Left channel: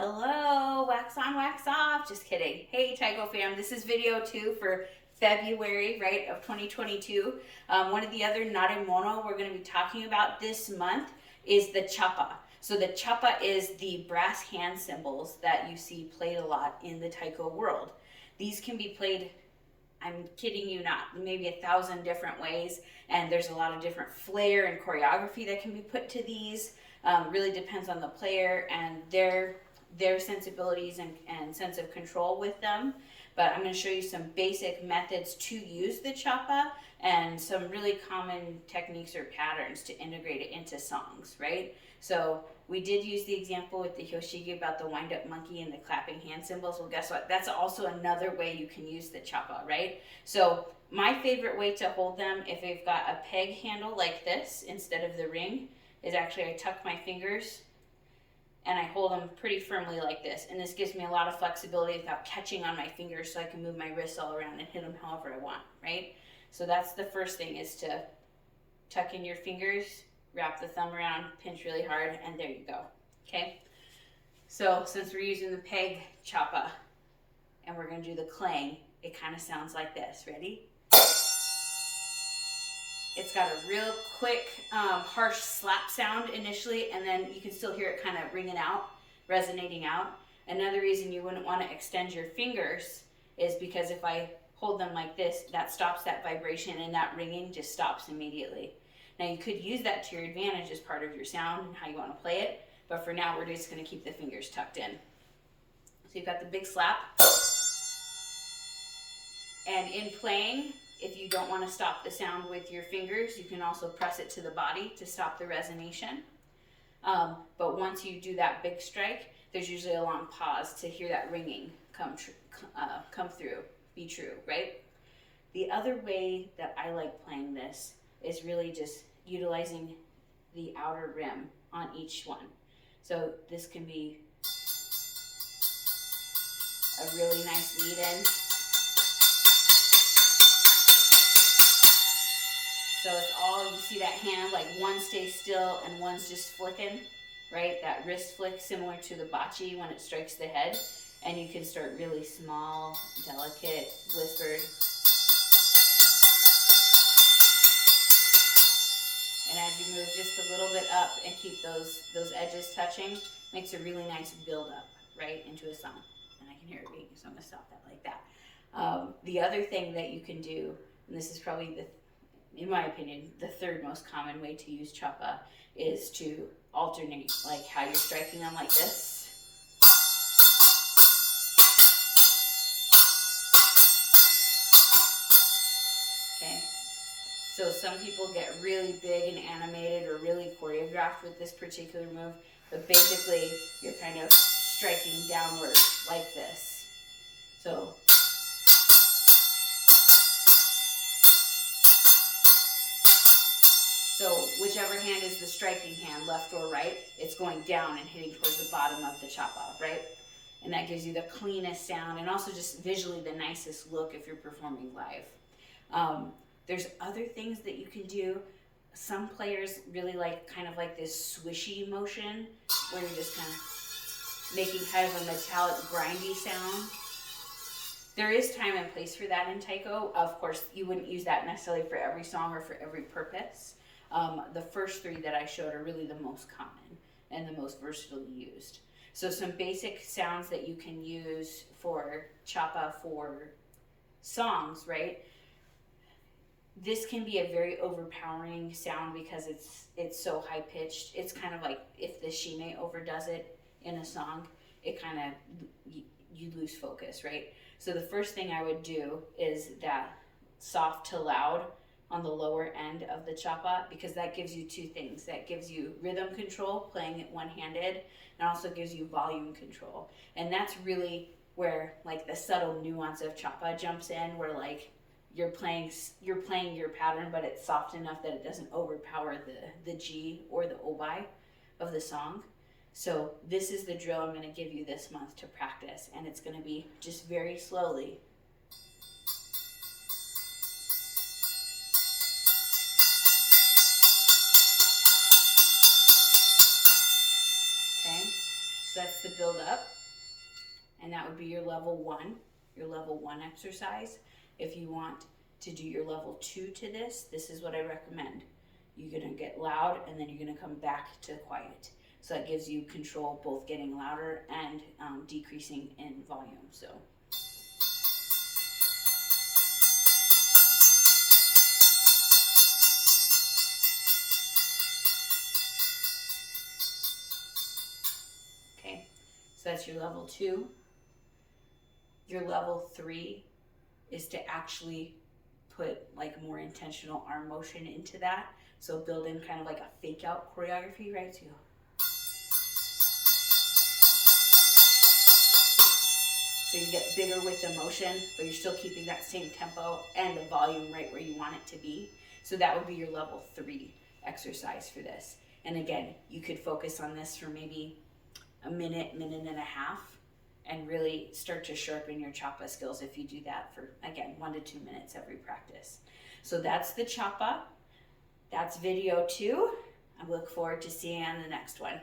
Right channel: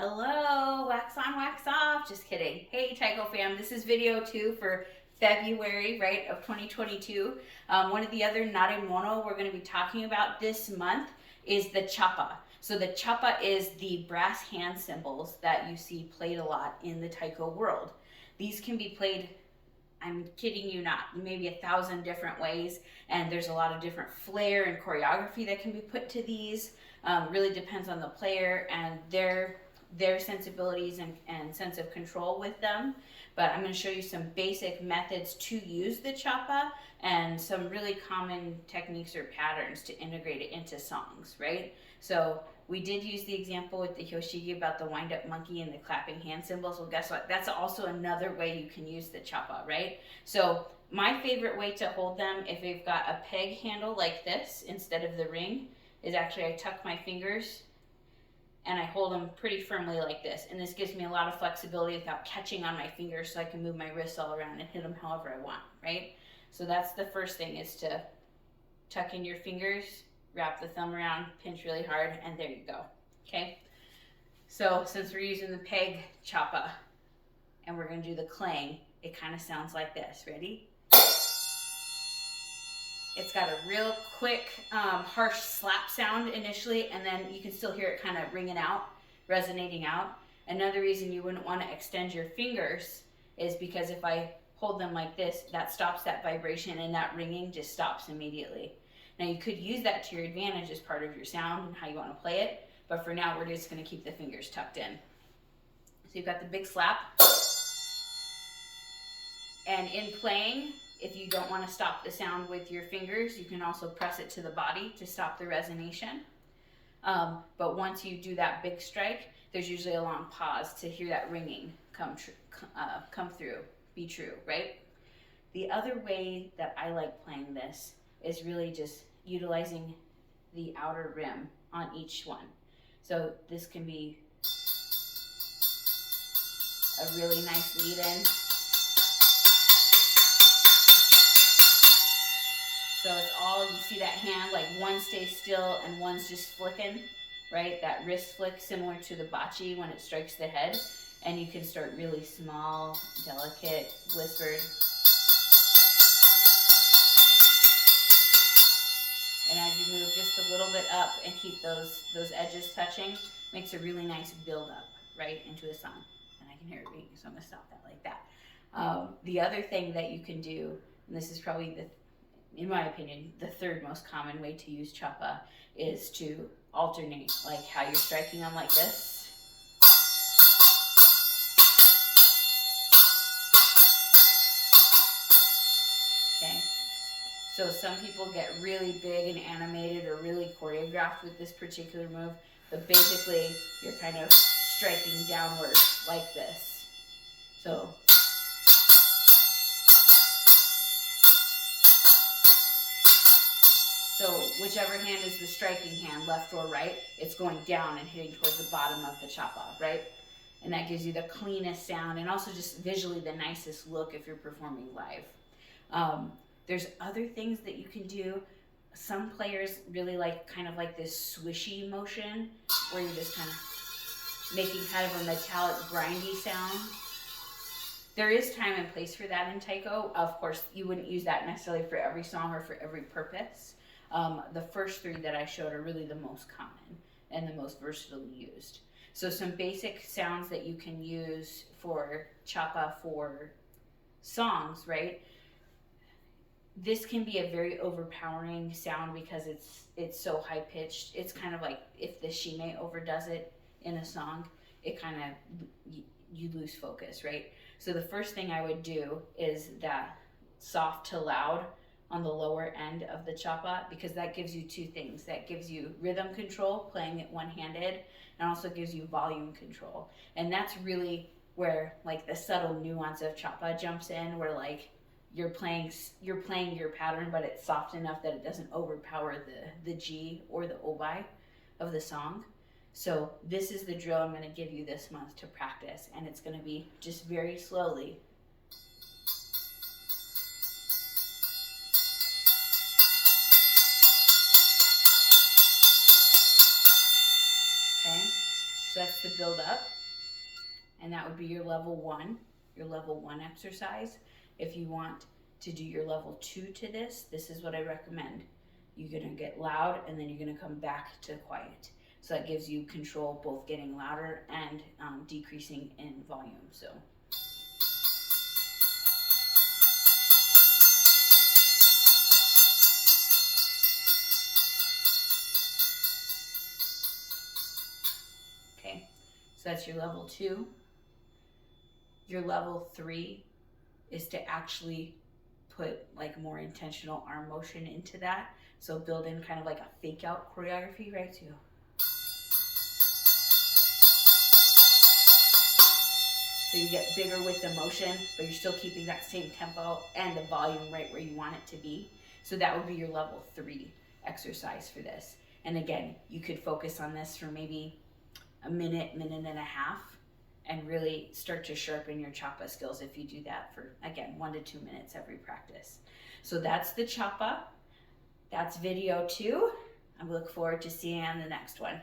Hello, wax on, wax off. Just kidding. Hey, Tycho fam, this is video 2 for February, right, of 2022. One of the other nare mono we're going to be talking about this month is the chappa. So the chappa is the brass hand cymbals that you see played a lot in the taiko world. These can be played, I'm kidding you not, maybe 1,000 different ways, and there's a lot of different flair and choreography that can be put to these. Really depends on the player and their sensibilities and sense of control with them. But I'm going to show you some basic methods to use the chappa and some really common techniques or patterns to integrate it into songs, right? So we did use the example with the hyoshigi about the wind-up monkey and the clapping hand cymbals. Well, guess what? That's also another way you can use the chappa, right? So my favorite way to hold them, if they've got a peg handle like this instead of the ring, is actually I tuck my fingers and I hold them pretty firmly like this. And this gives me a lot of flexibility without catching on my fingers, so I can move my wrists all around and hit them however I want, right? So that's the first thing, is to tuck in your fingers, wrap the thumb around, pinch really hard, and there you go, okay? So since we're using the peg chappa and we're gonna do the clang, it kind of sounds like this. Ready? It's got a real quick, harsh slap sound initially, and then you can still hear it kind of ringing out, resonating out. Another reason you wouldn't want to extend your fingers is because if I hold them like this, that stops that vibration, and that ringing just stops immediately. Now you could use that to your advantage as part of your sound and how you want to play it, but for now we're just going to keep the fingers tucked in. So you've got the big slap, and in playing, if you don't want to stop the sound with your fingers, you can also press it to the body to stop the resonation. But once you do that big strike, there's usually a long pause to hear that ringing come through, be true, right? The other way that I like playing this is really just utilizing the outer rim on each one. So this can be a really nice lead-in. So it's all, you see that hand, like one stays still and one's just flicking, right? That wrist flick, similar to the bachi when it strikes the head. And you can start really small, delicate, whispered. And as you move just a little bit up and keep those edges touching, makes a really nice build up, right, into a song. And I can hear it ringing, so I'm gonna stop that like that. The other thing that you can do, and this is probably in my opinion, the third most common way to use chappa, is to alternate, like how you're striking them like this. Okay, so some people get really big and animated or really choreographed with this particular move, but basically you're kind of striking downward like this. So whichever hand is the striking hand, left or right, it's going down and hitting towards the bottom of the chappa, right? And that gives you the cleanest sound and also just visually the nicest look if you're performing live. There's other things that you can do. Some players really like kind of like this swishy motion where you're just kind of making kind of a metallic grindy sound. There is time and place for that in taiko. Of course, you wouldn't use that necessarily for every song or for every purpose. The first three that I showed are really the most common and the most versatilely used. So some basic sounds that you can use for chappa for songs, right? This can be a very overpowering sound because it's so high pitched. It's kind of like if the shime overdoes it in a song, it kind of, you lose focus, right? So the first thing I would do is that soft to loud on the lower end of the chappa, because that gives you two things. That gives you rhythm control, playing it one-handed, and also gives you volume control. And that's really where like the subtle nuance of chappa jumps in, where like you're playing your pattern, but it's soft enough that it doesn't overpower the G or the obai of the song. So this is the drill I'm going to give you this month to practice, and it's going to be just very slowly. Okay, So that's the build up. And that would be your level 1 exercise. If you want to do your level 2 to this is what I recommend. You're gonna get loud and then you're gonna come back to quiet. So that gives you control, both getting louder and decreasing in volume. So. Okay, so that's your level 2. Your level 3 is to actually put like more intentional arm motion into that. So build in kind of like a fake out choreography, right? So you go. So you get bigger with the motion, but you're still keeping that same tempo and the volume right where you want it to be. So that would be your level 3 exercise for this. And again, you could focus on this for maybe a minute, minute and a half, and really start to sharpen your Chappa skills if you do that for, again, 1 to 2 minutes every practice. So that's the Chappa. That's video 2. I look forward to seeing you on the next one.